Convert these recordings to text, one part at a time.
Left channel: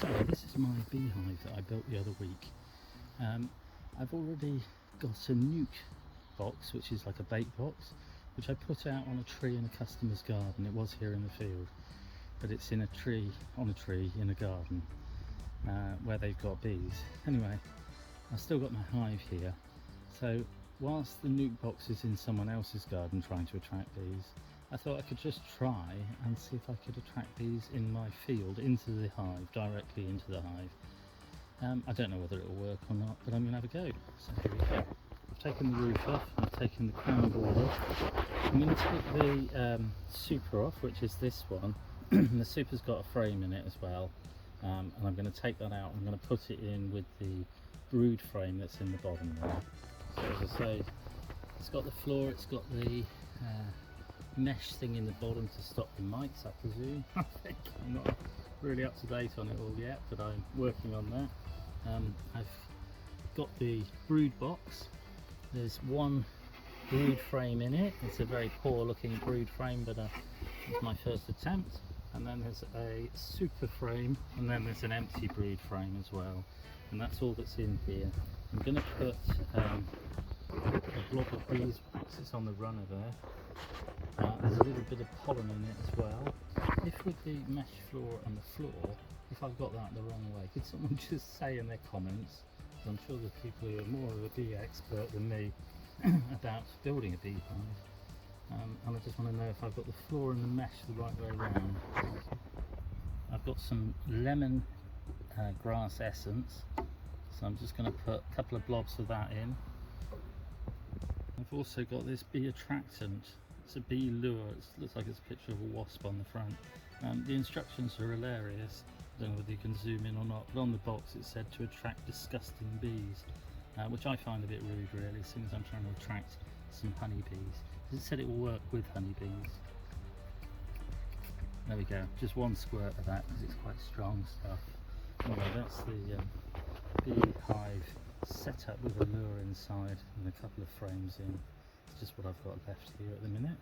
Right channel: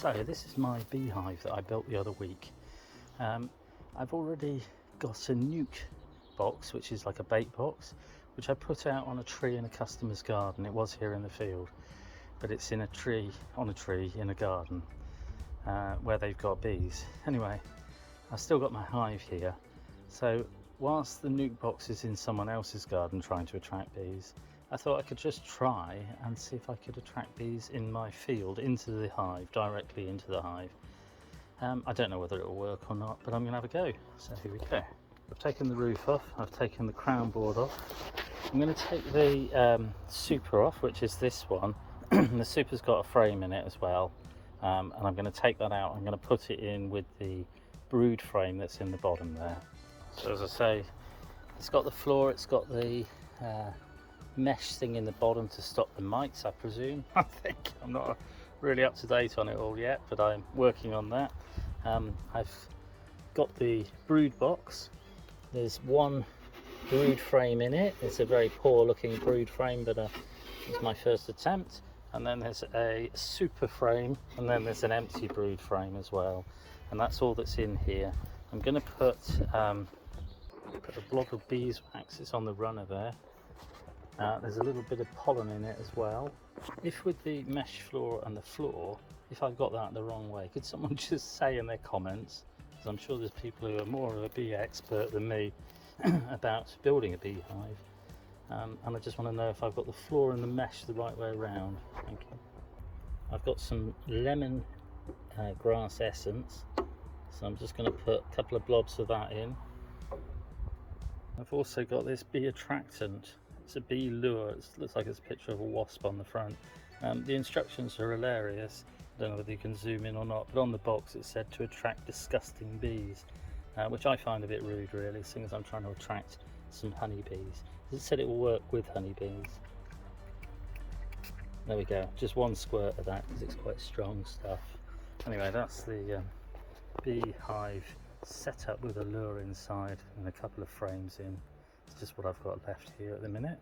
So this is my beehive that I built the other week. I've already got a nuke box, which is like a bait box, which I put out on a tree in a customer's garden. It was here in the field, but it's in a tree, on a tree in a garden where they've got bees. Anyway, I've still got my hive here. So whilst the nuke box is in someone else's garden trying to attract bees, I thought I could just try and see if I could attract bees in my field into the hive, directly into the hive. I don't know whether it will work or not, but I'm going to have a go. So here we go. I've taken the roof off, I've taken the crown board off. I'm going to take the super off, which is this one. The super's got a frame in it as well, and I'm going to take that out. I'm going to put it in with the brood frame that's in the bottom there. So as I say, it's got the floor, it's got the mesh thing in the bottom to stop the mites, I presume. I think I'm not really up to date on it all yet, but I'm working on that. I've got the brood box. There's one brood frame in it. It's a very poor looking brood frame, but it's my first attempt. And then there's a super frame, and then there's an empty brood frame as well, and that's all that's in here. I'm going to put a blob of beeswax. It's on the runner there. There's a little bit of pollen in it as well. If with the mesh floor and the floor, if I've got that the wrong way, could someone just say in their comments, because I'm sure there's people who are more of a bee expert than me about building a beehive, and I just want to know if I've got the floor and the mesh the right way around. Thank you. I've got some lemon grass essence, so I'm just going to put a couple of blobs of that in. I've also got this bee attractant. It's a bee lure. It looks like it's a picture of a wasp on the front. The instructions are hilarious. I don't know whether you can zoom in or not, but on the box it said to attract disgusting bees, which I find a bit rude really, seeing as I'm trying to attract some honeybees. It said it will work with honeybees. There we go, just one squirt of that because it's quite strong stuff. Anyway, that's the beehive set up with a lure inside and a couple of frames in. It's just what I've got left here at the minute.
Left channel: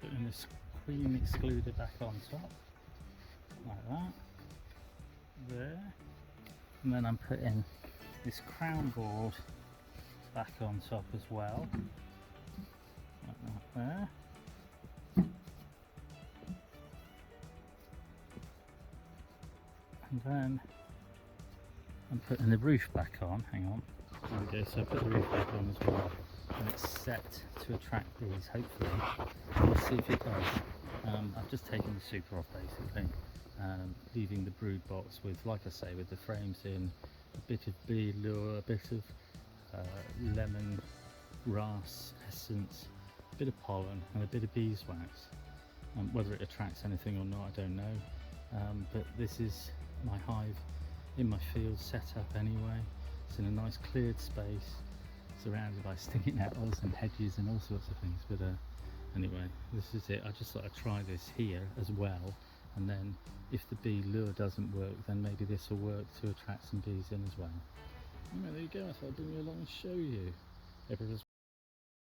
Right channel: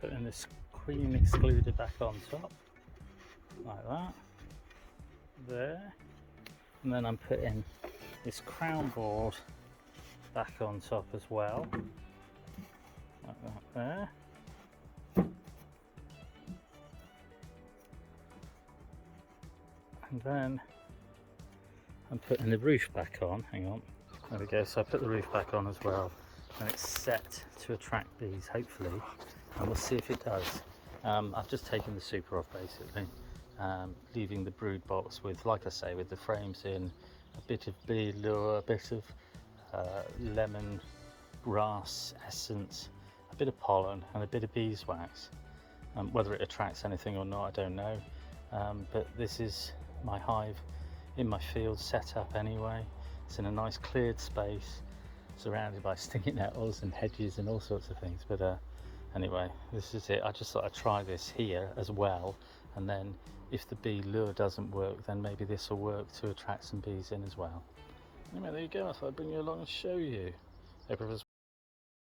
Putting this cream excluder back on top, like that, there. And then I'm putting this crown board back on top as well, like that there. And then I'm putting the roof back on, hang on, there we go. So I put the roof back on as well, and it's set to attract bees, hopefully, and we'll see if it does. I've just taken the super off basically, leaving the brood box with, like I say, with the frames in, a bit of bee lure, a bit of lemon grass essence, a bit of pollen and a bit of beeswax. Whether it attracts anything or not, I don't know, but this is my hive in my field set up anyway. It's in a nice cleared space, surrounded by stinging nettles and hedges and all sorts of things, but anyway, this is it. I just thought I'd try this here as well, and then if the bee lure doesn't work, then maybe this will work to attract some bees in as well. Anyway, there you go. I thought I'd bring you along and show you. Hope everyone's